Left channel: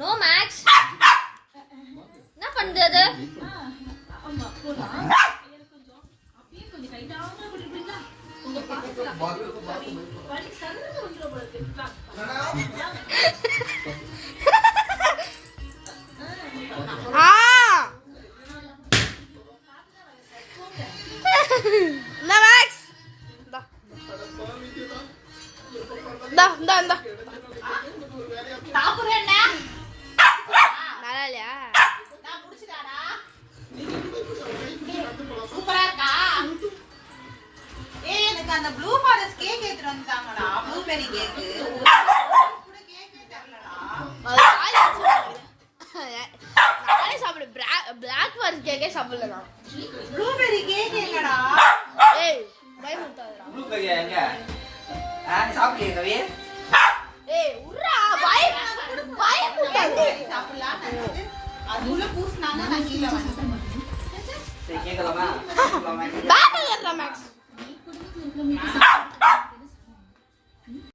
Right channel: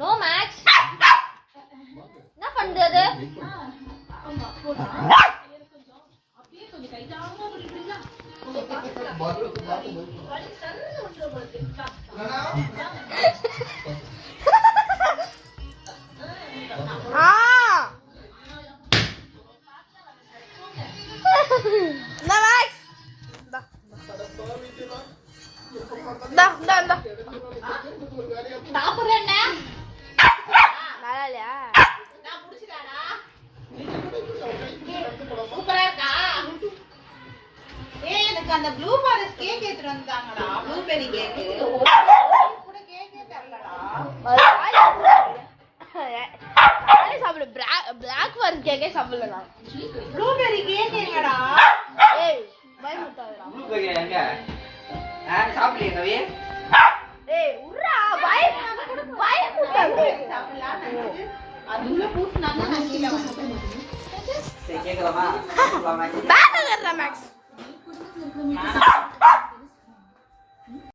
No maths. என்ன பண்றது? அந்த ப்ளூ ஃபாரஸ்ட் கேக் எடுத்துட்டு வந்தாங்கடா. ப்ளூபெரி கேக் கூட கேக்கே தரலடா. நானே சாப்பிடு. பிளாக் ஃபாரஸ்ட் கேக்கே சாப்பிடல நான். ப்ளூபெரி கேக் எங்கடா? ஏய் பயமுட்டாதடா. ப்ளூபெரி எங்க? சாப்பிடலையே கவி. ஏய் உர்ரா பயமுட்டாத. சாப்பிடலாம் நினைச்சு அதுல பூஸ்னாங்க நான் கீழ வந்தேன். சரி கேக்கலாமா? Back கர்றா maths.